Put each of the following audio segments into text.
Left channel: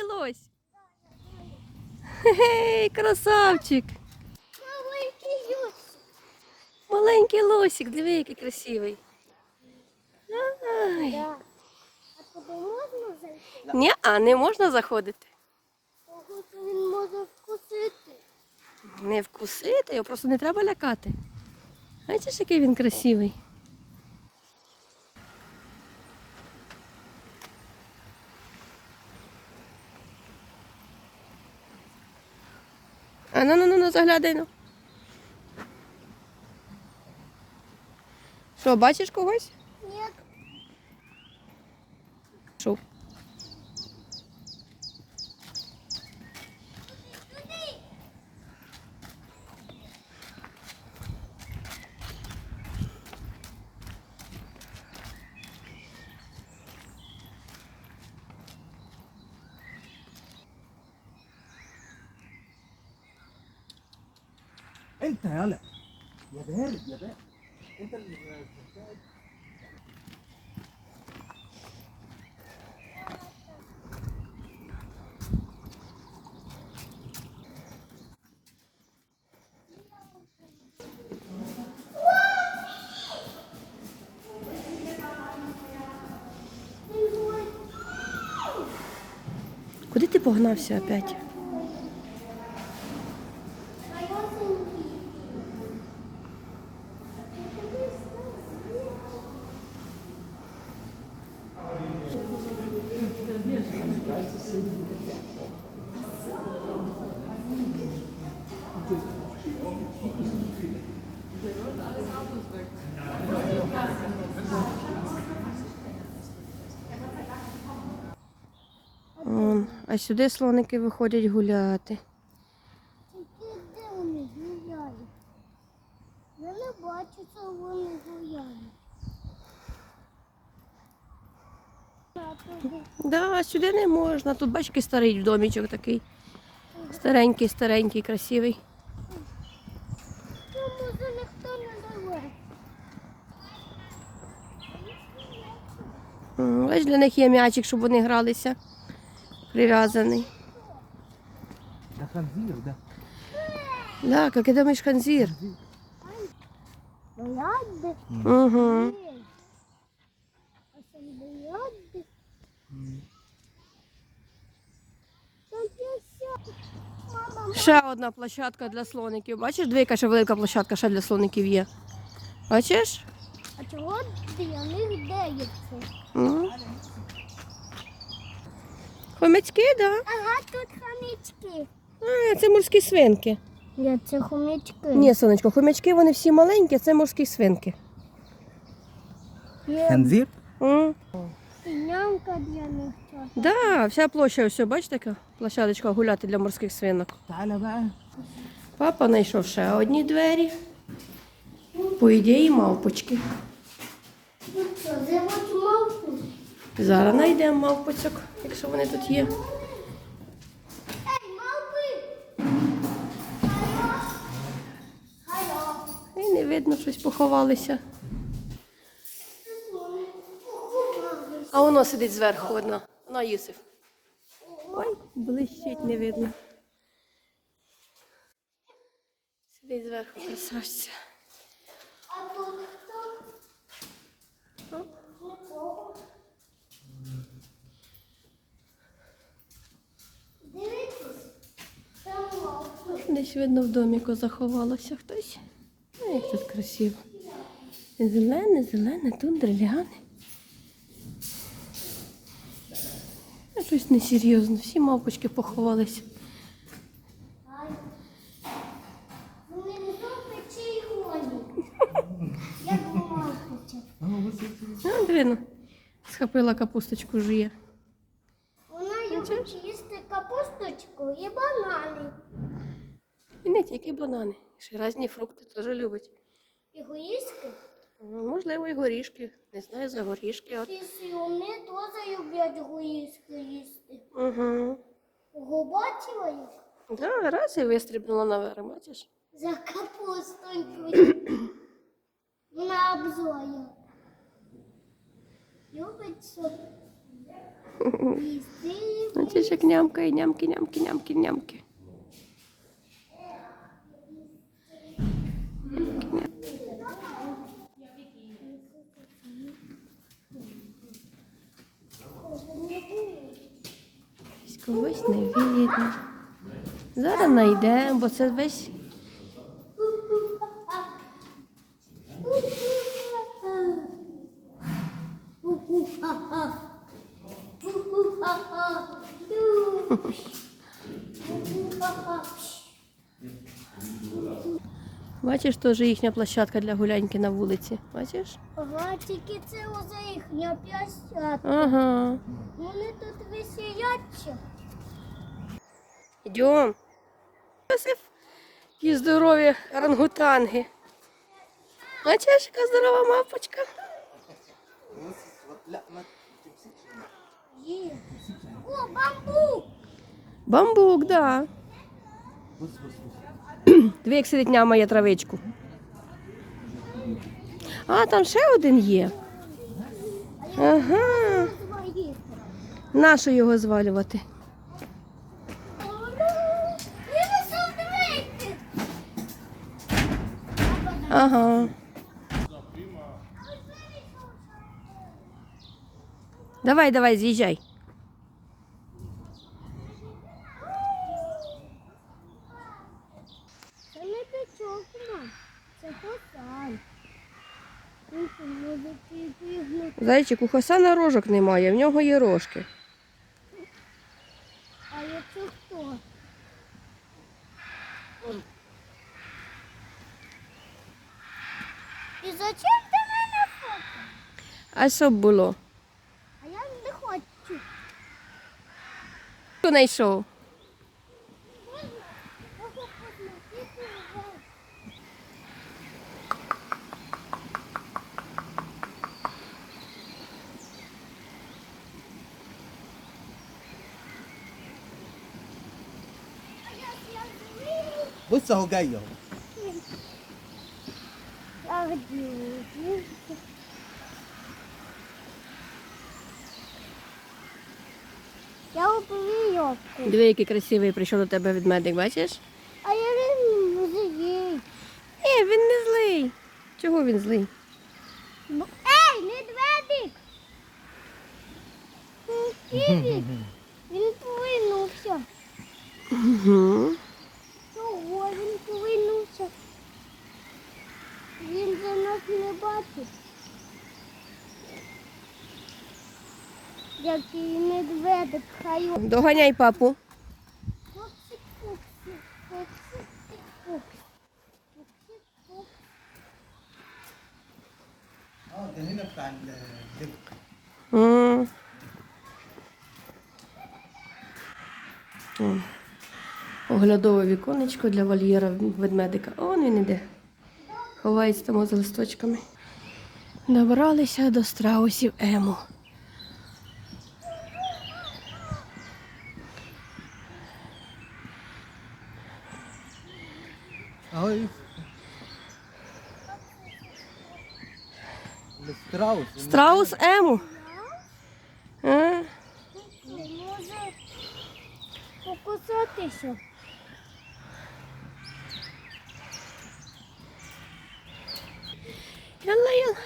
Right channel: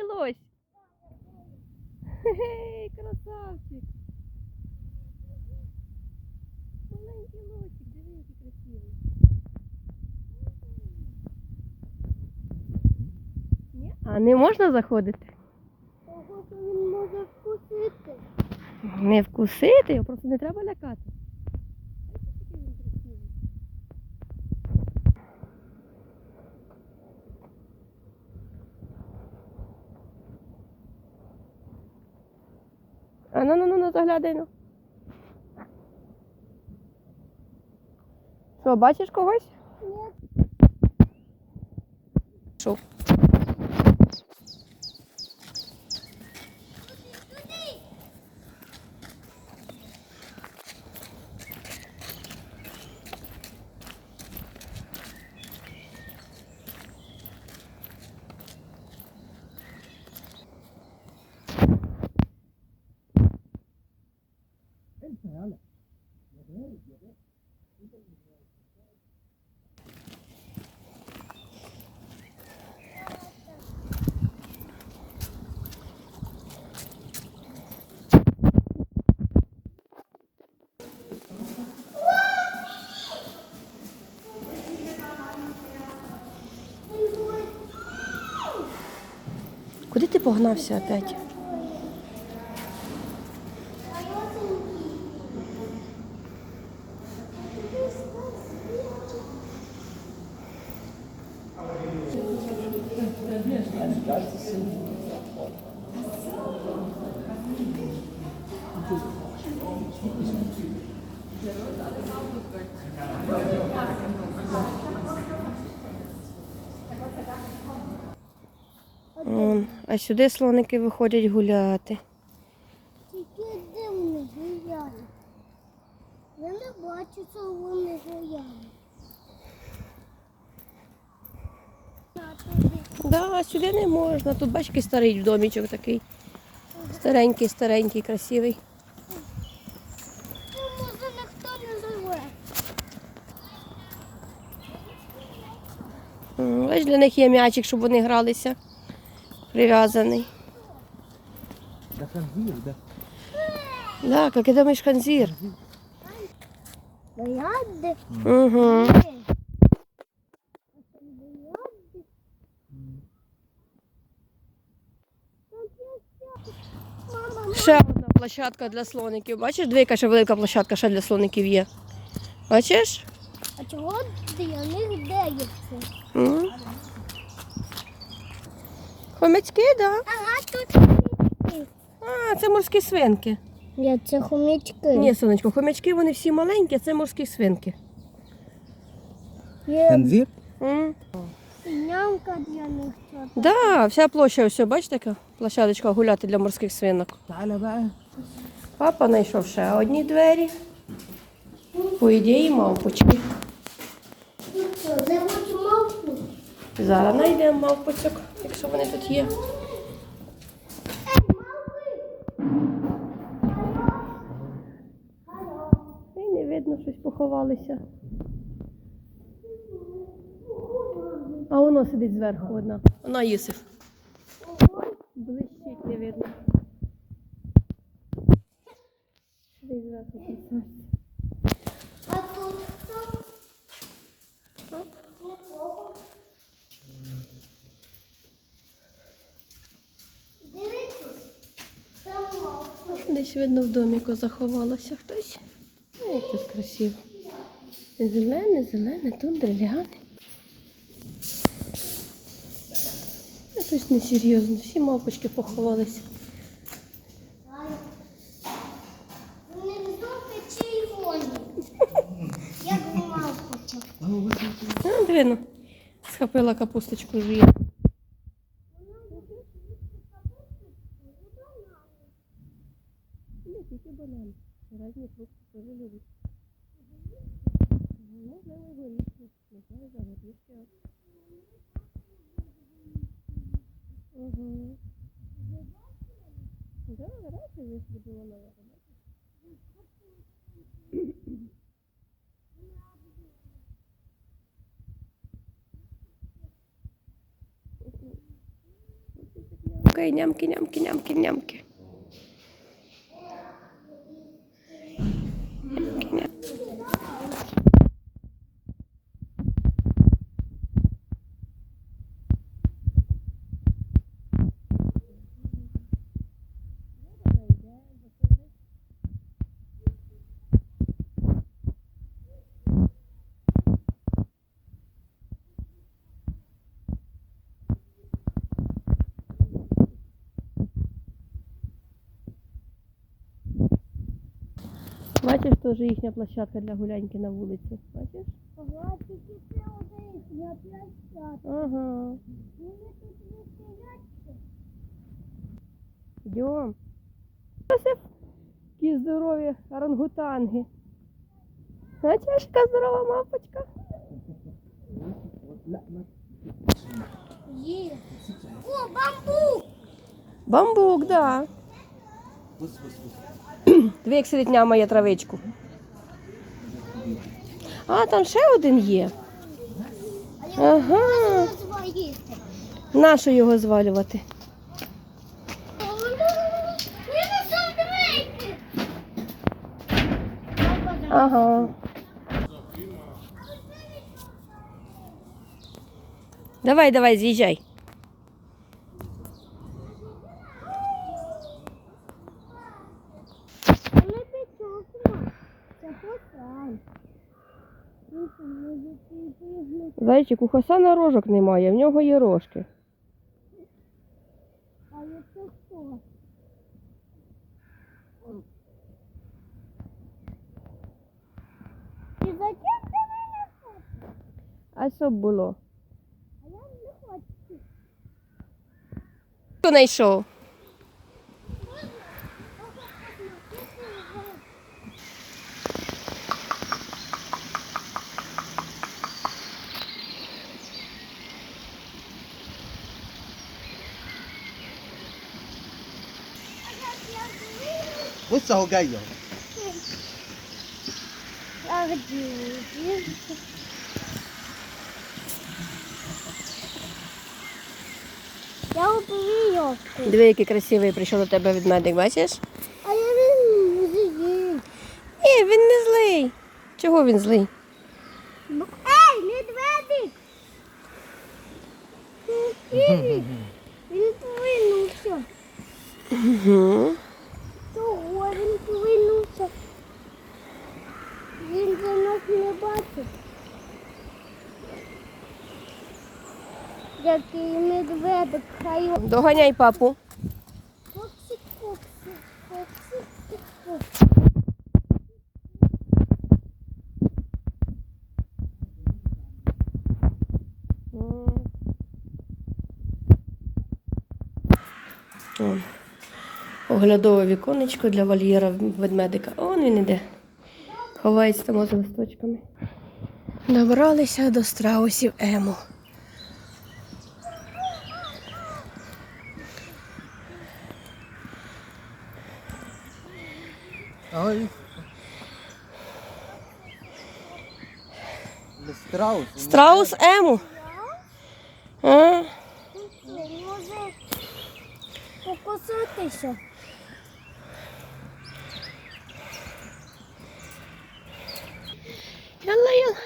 маленький лось. Гей, красавчик. Маленький юсь. Маленький лосик, диви, який красивий. Ай. Да. А куди можна зайти? Ні, а не можна заходити. Він може вкусити. Не вкусити, його просто не треба лякати. Бачиш, який він красивий. Ну ну ну ну заглядай ну. Що, бачиш когось? Ні, Що? انت يلا يا بارد يا بارد انت اللي Куди ти погнався опять? А сюди слоники виходять гуляти. тільки де вони гуляють? Я не бачу, що вони гуляють. Да, сюди не можна. Тут бачиш, який старий домічок такий. Старенький, старенький, красивий. Ось для них є м'ячик, щоб вони гралися. Прив'язаний. Да ханзір, да. Так, як ти думаєш, ханзір? Угу. ще одна площадка для слоників. Бачиш, двійка, ще велика площадка ще для слоників є. Бачиш? А чого для них. Ну. Хомячки, так? Да? Ага, тут хомячки. А, це морські свинки. Ні, це хомячки. Ні, сонечко, хомячки вони всі маленькі, це морські свинки. Є... Нямка для них. Да, вся площа, ось, бачите, яка площадочка гуляти для морських свинок. Папа знайшов ще одні двері. По ідеї мавпочки. Зараз знайдемо мавпочок, якщо вони тут є. І не видно, щось поховалися. А воно сидить зверху одна. Вона Юсиф. Ой, блищить, не видно. Сидить зверху, красавця. А тут хто? Десь видно в доміку заховалося хтось. Ой, як тут красиво. Зелене, зелене, тундра, ляни. Якось несерйозно. Всі мавпочки поховалися. Вони вдома чи й гоні? Як мавпочок. А, дивно. Схопила капусточку жує. Вона любить їсти капусточку і банани. І не тільки банани. Ще різні фрукти теж любить. Ну, Можливо, і горішки. Не знаю за горішки. От. і теж люблять егоїстки їсти. Угу. Ого, бачила їх? Да, раз і вистрибнула наверх, бачиш? За капустонькою. На обзорі. Любить що Їсти. Ну, ж як нямкає, нямки, нямки, нямки, нямки. Нямки, знайдемо, бо це весь Бачиш, теж їхня площадка для гуляньки на вулиці. Бачиш? Ага, тільки це оце їхня площадка. Ага. Вони тут веселяться. Йдем випасив і здорові рангутанги. Бачиш, яка здорова мапочка. О, бамбук! Бамбук, да. Дві як сидить няма травичку. А, там ще один є. Ага. Нащо його звалювати? Ага. Давай, давай, з'їжджай. Зайчик, у Хасана рожок немає, в нього є рожки. А я це хто? Зачем ти мене фоткаєш? А що б було? А я не хочу. Хто знайшов? Ось цього гайо. Я убив йовку. Диви, який красивий прийшов до тебе ведмедик, бачиш? А я не з'їв. Ні, він не злий. Чого він злий? Ей, медведик! Ківі, він повернувся. Угу. Чого він повернувся? Він за нас не бачить який медведик хаю. Доганяй папу. Оглядове віконечко для вольєра ведмедика. Он він іде. Ховається там за листочками. Добралися до страусів Ему. Oj. Страус. Страус Ему. А? Не може покусатися. Налаю.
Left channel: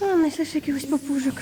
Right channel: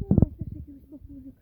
А, знайшли ще якихось папужок.